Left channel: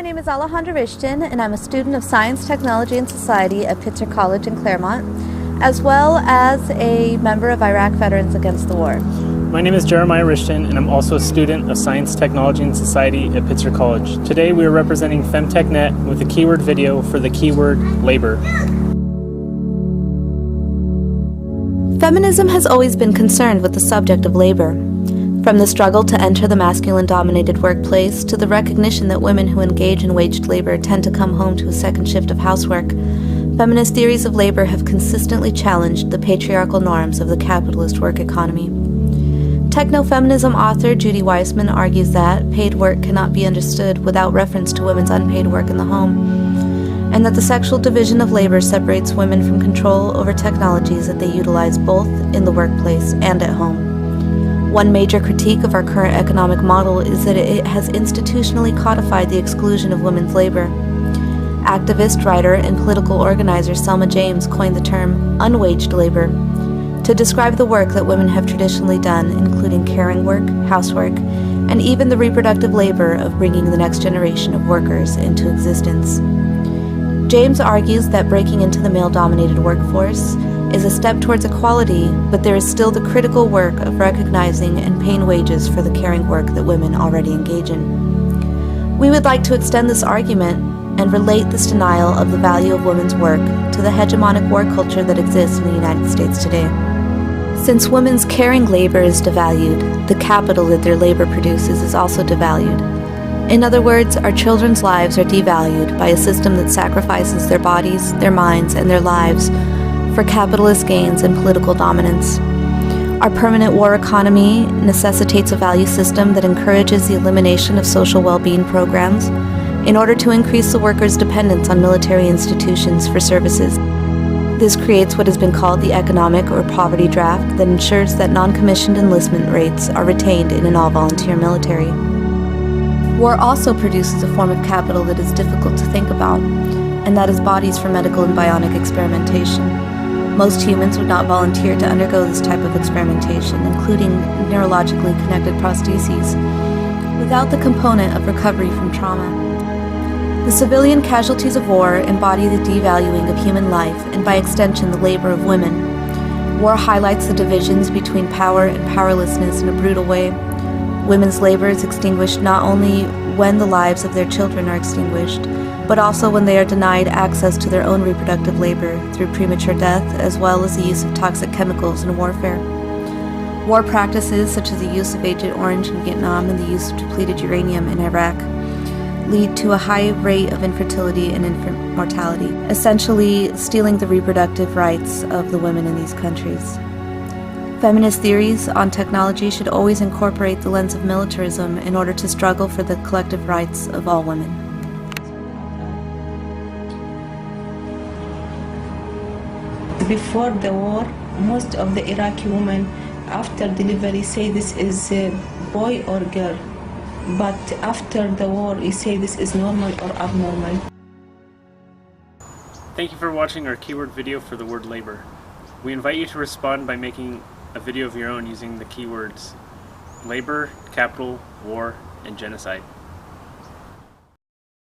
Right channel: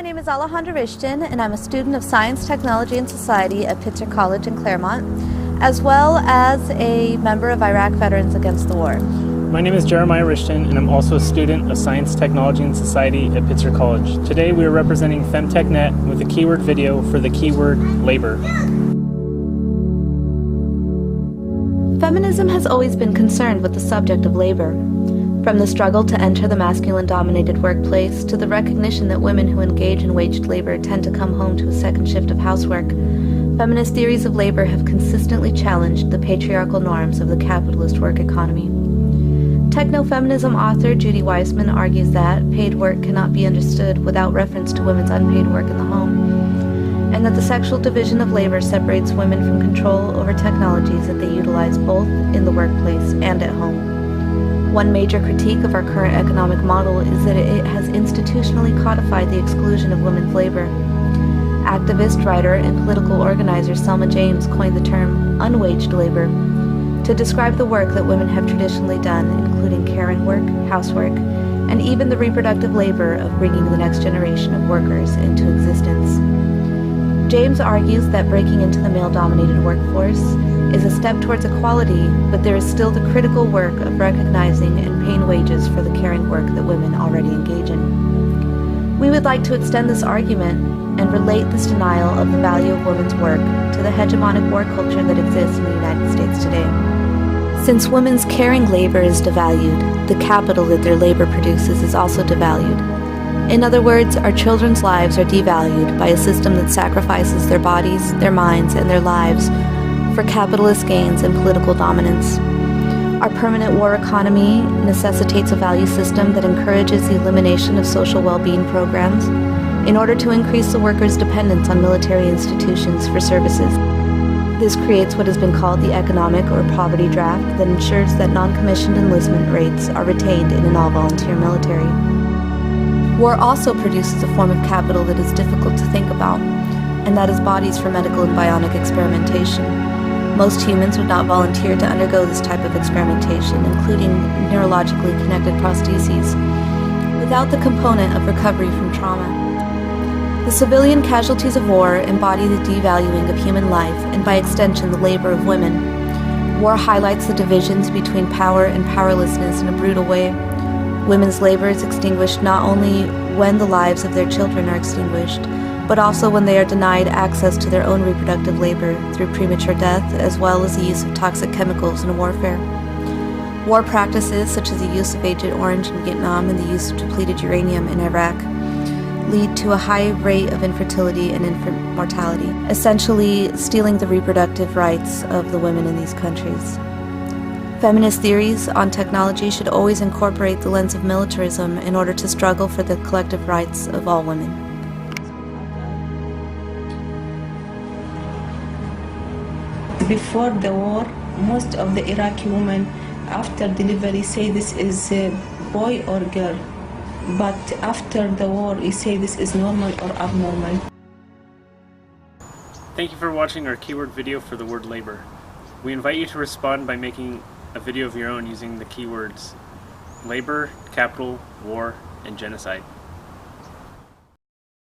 my name is Alejandra Rishton, and I'm a student of Science, Technology, and Society at Pitzer College in Claremont, as well as a member of Iraq Veterans Against the War. My name is Jeremiah Rishton, and I'm also a student of Science, Technology, and Society at Pitzer College. Today we are representing FemTechNet with a keyword video for the keyword labor. Feminism has always been concerned with the subject of labor. From the struggle to enter the masculine-dominated workplace to the recognition that women who engage in waged labor tend to come home to a second shift of housework, feminist theories of labor have consistently challenged the patriarchal norms of the capitalist work economy. Techno-feminism author Judy Weissman argues that paid work cannot be understood without reference to women's unpaid work in the home, and that the sexual division of labor separates women from control over technologies that they utilize both in the workplace and at home. One major critique of our current economic model is that it has institutionally codified the exclusion of women's labor. Activist, writer, and political organizer Selma James coined the term unwaged labor to describe the work that women have traditionally done, including caring work, housework, and even the reproductive labor of bringing the next generation of workers into existence. James argues that breaking into the male-dominated workforce is a step towards equality, but there is still the critical work of recognizing and paying wages for the caring work that women already engage in. We would like to extend this argument and relate this denial of the value of women's work to the hegemonic war culture that exists in the United States today. Since women's caring labor is devalued, the capital that their labor produces is also devalued. In other words, our children's lives are devalued by a system that sacrifices their bodies, their minds, and their lives for capitalist gains and political dominance. Our permanent war economy necessitates a value system that encourages the elimination of social well-being programs in order to increase the workers' dependence on military institutions for services. This creates what has been called the economic or poverty draft that ensures that non-commissioned enlistment rates are retained in an all-volunteer military. War also produces a form of capital that is difficult to think about, and that is bodies for medical and bionic experimentation. Most humans would not volunteer to undergo this type of experimentation, including neurologically connected prostheses, without the component of recovery from trauma. The civilian casualties of war embody the devaluing of human life and, by extension, the labor of women. War highlights the divisions between power and powerlessness in a brutal way. Women's labor is extinguished not only when the lives of their children are extinguished, but also when they are denied access to their own reproductive labor through premature death, as well as the use of toxic chemicals in warfare. War practices, such as the use of Agent Orange in Vietnam and the use of depleted uranium in Iraq, lead to a high rate of infertility and infant mortality, essentially stealing the reproductive rights of the women in these countries. Feminist theories on technology should always incorporate the lens of militarism in order to struggle for the collective rights of all women. Before the war, most of the Iraqi women after delivery say this is a boy or girl, but after the war you say this is normal or abnormal. Thank you for watching our keyword video for the word labor. We invite you to respond by making a video of your own using the keywords labor, capital, war, and genocide.